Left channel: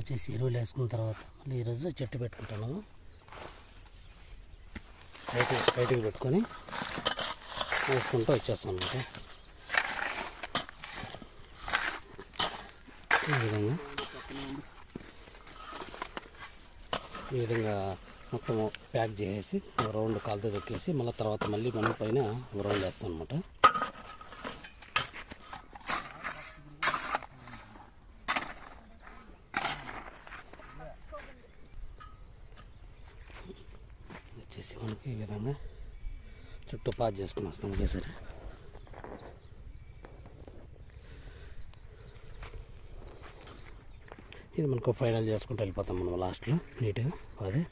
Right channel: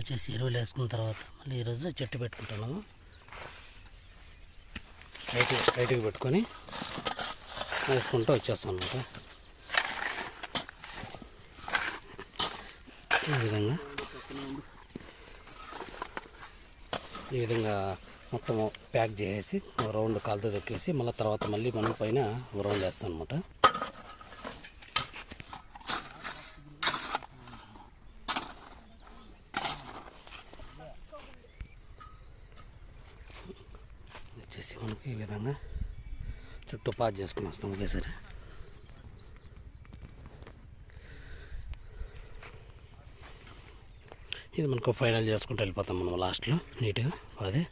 వచ్చేసి ఎరువులు వేసుకున్న తర్వాత మళ్ళీ ఈరోజు చెట్టు పెట్టుకుంటున్నాము. స్ట్రైట్గా పెట్టుకొని వేసుకుంటూ వచ్చేస్తాం అనమాట. ఈ విధంగా మొత్తం ప్యాక్ చేసేసి రౌండ్ కాలుతో దొక్కేసి మళ్ళీ తర్వాత మనం పైన రౌండ్ వేస్తాం అనమాట. వచ్చేసి మనకి ఈ విధంగా చుట్టూ పాజ్ చేసుకుని వస్తాం ఒకేసారి. ఇది మనకు ఫైనల్ చేసుకుంటూ వెళ్ళిపోతాం మనం లాస్ట్లో నీట్గా. అదే